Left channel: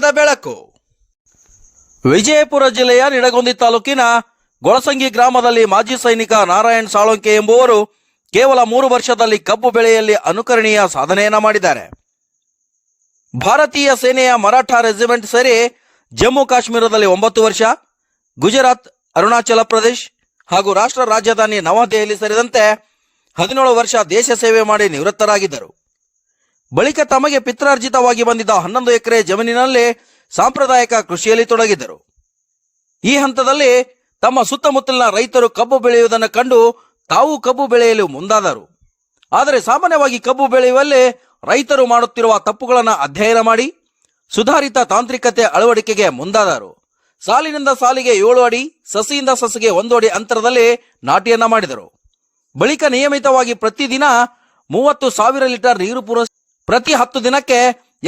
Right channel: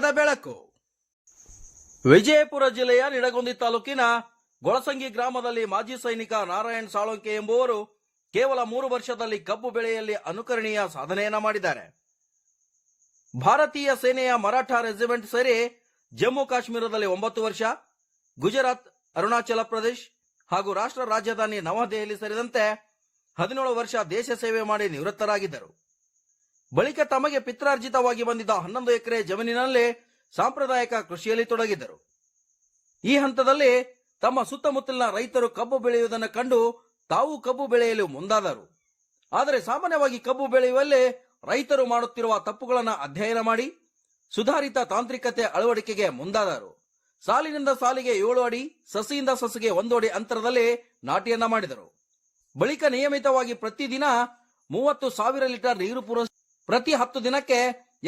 ಸತ್ಯದ ಬೆಳಕು. ವಿಜಯಪುರ ಜಿಲ್ಲೆಯ ನಿಡಗುಂದಿ ತಾಲೂಕಿನ ಗೊಳಸಂಗಿ ಗ್ರಾಮದಲ್ಲಿ ಮಾಜಿ ಸೈನಿಕ ನಾರಾಯಣ್ ಸಾಳೊಂಕೆ ಎಂಬುವರು ಕೇವಲ 3 ವರ್ಷದಲ್ಲಿ ಕಬ್ಬು ಬೆಳೆಯಲ್ಲಿ ಅನುಕರಣೀಯ ಸಾಧನೆಯನ್ನ ಮಾಡಿದ್ದಾರೆ. ಭಾರತೀಯ ಸೇನೆಯ ಮರಾಠ ರೆಜಿಮೆಂಟ್ ಸೇರಿ ಜಮ್ಮು ಕಾಶ್ಮೀರದಲ್ಲಿ 9 ವರ್ಷ, ಗುಜರಾತ್, ಅರುಣಾಚಲ ಪ್ರದೇಶ್ ಹಾಗೂ ರಾಷ್ಟ್ರ ರಾಜಧಾನಿ ನವದೆಹಲಿ ಸೇರಿದಂತೆ 17 ವರ್ಷ ದೇಶ ಸೇವೆ ಮಾಡಿ ನಿವೃತ್ತರಾಗಿದ್ದರು. ಬಳಿಕ ತಮಗೆ ಪಿತ್ರಾರ್ಜಿತವಾಗಿ ಬಂದಿದ್ದ 11 ಎಕರೆ ಜಮೀನಿನಲ್ಲಿ ಸಾಂಪ್ರದಾಯಿಕ ಕೃಷಿಯಲ್ಲಿ ತೊಡಗಿದ್ದರು. ಈ ಹಂತದಲ್ಲಿ ತಮ್ಮ ಸುತ್ತಮುತ್ತಲಿನ ರೈತರು ಕಬ್ಬು ಬೆಳೆಯುವುದನ್ನು ಕಂಡು ತಾವು ಕಬ್ಬು ಬೆಳೆಯಲು ಮುಂದಾದರು. ಆದರೆ ಸಾಮಾನ್ಯವಾಗಿ ಕಬ್ಬು ಬೆಳೆಯುವಲ್ಲಿ ರೈತರು ಮಾಡುತ್ತಿರುವ ತಪ್ಪುಗಳನ್ನು ಅಧ್ಯಯನ ಮಾಡಿ ಸುಧಾರಿತ ತಾಂತ್ರಿಕತೆ ಅಳವಡಿಕೆಗೆ ಮುಂದಾದರು. ಸಾಲಿನಿಂದ ಸಾಲಿಗೆ 7 ಅಡಿ, ಸಸಿಯಿಂದ ಸಸಿಗೆ 1 ಅಡಿ ಅಂತರದಲ್ಲಿ ನಾಟಿಯನ್ನ ಮಾಡಿದರು. ಬಳಿಕ ನಿಯಮಿತವಾಗಿ ಪ್ರತಿದಿನ 30,000 ಲೀಟರ್ ನೀರು ಪೂರೈಸಿ ಪ್ರತಿ 10 ದಿನಕ್ಕೆ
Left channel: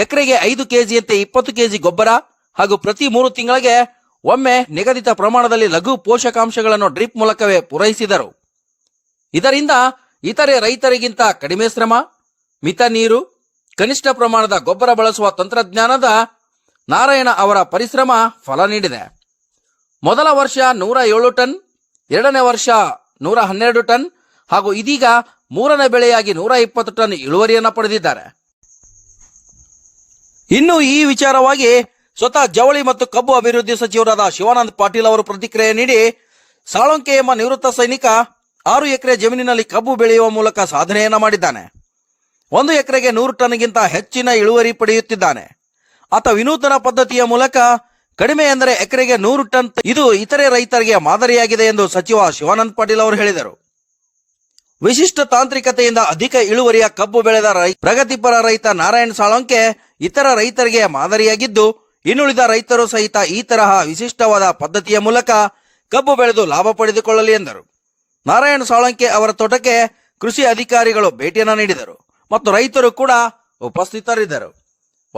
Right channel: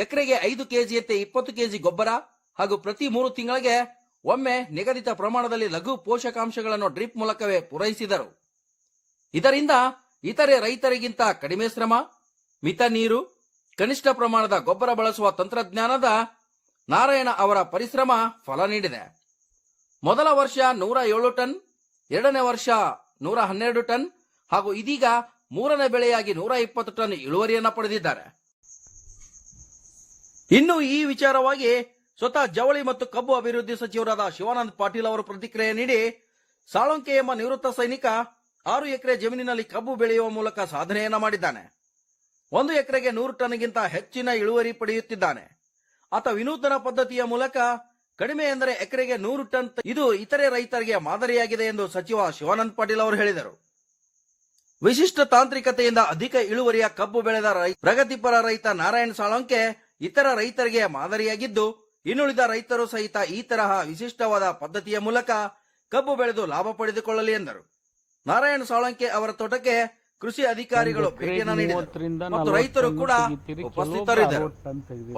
ಎಕರೆಗೆ 5 ಕೆಜಿಯಂತೆ 20 ಕೆಜಿ ಗೊಬ್ಬರ ಹಾಗೂ ಪ್ರತಿ 3 ತಿಂಗಳಿಗೆ ಒಮ್ಮೆ ನಿಗದಿತ ಪ್ರಮಾಣದಲ್ಲಿ ಲಘು ಪೋಷಕಾಂಶಗಳನ್ನು ಡ್ರಿಪ್ ಮೂಲಕವೇ ಪೂರೈಸಿದರು. ಇದರಿಂದ ಇತರೆ ರೈತರಿಗಿಂತ ಕಡಿಮೆ ಶ್ರಮ, ಮಿತ ನೀರು, ಕನಿಷ್ಠ ಪ್ರಮಾಣದ ಗೊಬ್ಬರ ಬಳಸುವ ತಂತ್ರಜ್ಞಾನದ ನಾರಾಯಣ ಅವರ ಪರಿಶ್ರಮ ಫಲ ನೀಡಿದೆ. ಮೊದಲ ವರ್ಷ 107 ಟನ್, 2ನೇ ವರ್ಷ 112 ಟನ್ ಹಾಗೂ ಇದೀಗ 3ನೇ ಬೆಳೆಯಾಗಿ 120 ಟನ್ ಇಳುವರಿಯನ್ನು ಪಡೆದಿದ್ದಾರೆ. ಇನ್ನು ಈ ವಿಚಾರವಾಗಿ ಸ್ವತಃ ಜವಳಿ ಮತ್ತು ಕಬ್ಬು ಅಭಿವೃದ್ಧಿ ಸಚಿವರಾದ ಶಿವಾನಂದ ಪಾಟೀಲ್ ಅವರು ಪ್ರತಿಕ್ರಿಯೆ ನೀಡಿ, ಸಾಳೊಂಕೆ ಎಂಬ ನಿವೃತ್ತ ಸೈನಿಕ 6 ಎಕರೆ ಜಮೀನಿನಲ್ಲಿ ಕಬ್ಬು ಬೆಳೆಯುವ ಮೂಲಕ ಸಾಧನೆಯನ್ನ ಮಾಡಿದ್ದಾನೆ. 1 ಎಕರೆಗೆ 100 ಟನ್ಗಿಂತ ಹೆಚ್ಚಿನ ಇಳುವರಿ ಪಡೆಯುತ್ತಿದ್ದಾನೆ. ಆತ ವಿನೂತನ ಪದ್ಧತಿಯ ಮೂಲಕ ಕಡಿಮೆ ಎಂದರೆ ಎಕರೆಗೆ 100 ಟನ್, ಇದು ಇತರೆ ರೈತರಿಗೆ ಮಾದರಿಯಾಗಿದೆ ಎಂದು ಸಚಿವ ಶಿವಾನಂದ ಪಾಟೀಲ್ ಅವರು ಹೇಳಿದರು. ವಿಶಿಷ್ಟ ತಾಂತ್ರಿಕತೆಯಿಂದ ಅಧಿಕ ಇಳುವರಿಯ ಕಬ್ಬು ಬೆಳೆದ ಪ್ರಗತಿಪರ ರೈತ ನಾರಾಯಣ್ ಸಾಳೊಂಕೆ ಇತರ ರೈತರಿಗೆ ಮಾದರಿಯಾಗಿದ್ದು, ಇನ್ನುಳಿದ ರೈತರು ಸಹಿತ ಈ ತರಹ ವಿಶಿಷ್ಟವಾದ ಪದ್ಧತಿಯ ಮೂಲಕ ಕಬ್ಬು ಬೆಳೆದು ಲಾಭ ಪಡೆದುಕೊಳ್ಳಲಿ ಎಂದರು. ನಾರಾಯಣ್ ಸಾಳೊಂಕೆ ಅವರ ತೋಟಕ್ಕೆ ಕೃಷಿ ಅಧಿಕಾರಿಗಳು ಭೇಟಿಯನ್ನು ನೀಡಿದರು ಮತ್ತು ರೈತರು ಕೂಡ ಉಪಸ್ಥಿತರಿದ್ದರು.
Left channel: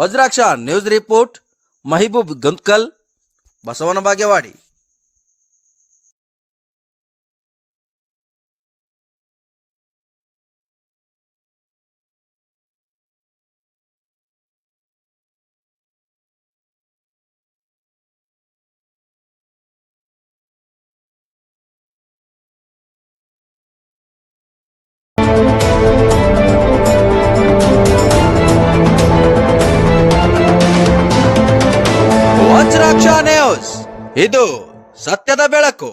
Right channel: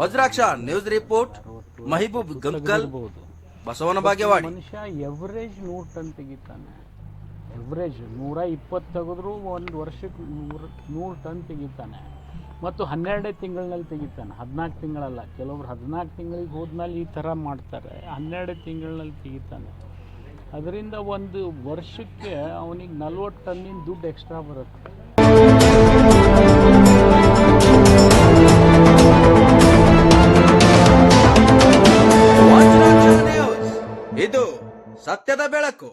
Vajraksha news report, Mahboob Guntakal, Basavana Bagewadi. Average 100 ton ತೆಗಿತಾನೆ. ಎವರೇಜ್ 120 ತೆಗೆದ್ರು ಒಂದು ವರ್ಷಕ್ಕೆ 100 ಟನ್ ತೆಗಿತಾನೆ. ಮತ್ತು 12 ತಿಂಗಳಿನಲ್ಲಿ ತೆಗಿತಾನೆ, 14 ತಿಂಗಳಲ್ಲ. ಕೆಲವರು 14 ತಿಂಗಳಿಗೆ ಹೋದ್ಮೇಲೆ ಈ ಥರ ಮಾಡ್ತಾರೆ, 12 ತಿಂಗಳಿನಲ್ಲಿ ತೆಗಿತಾನೆ. ಅದರಿಂದ ಒಂದು ವರ್ಷಕ್ಕೆ ಅವನಿಗೆ 40 ಟನ್ನಿನ ದುಡ್ಡು ಎಕ್ಸ್ಟ್ರಾ ಬರುತ್ತೆ. ವಜ್ರಾಕ್ಷ ನ್ಯೂಸ್, ಇದು ಸತ್ಯದ ಬೆಳಕು.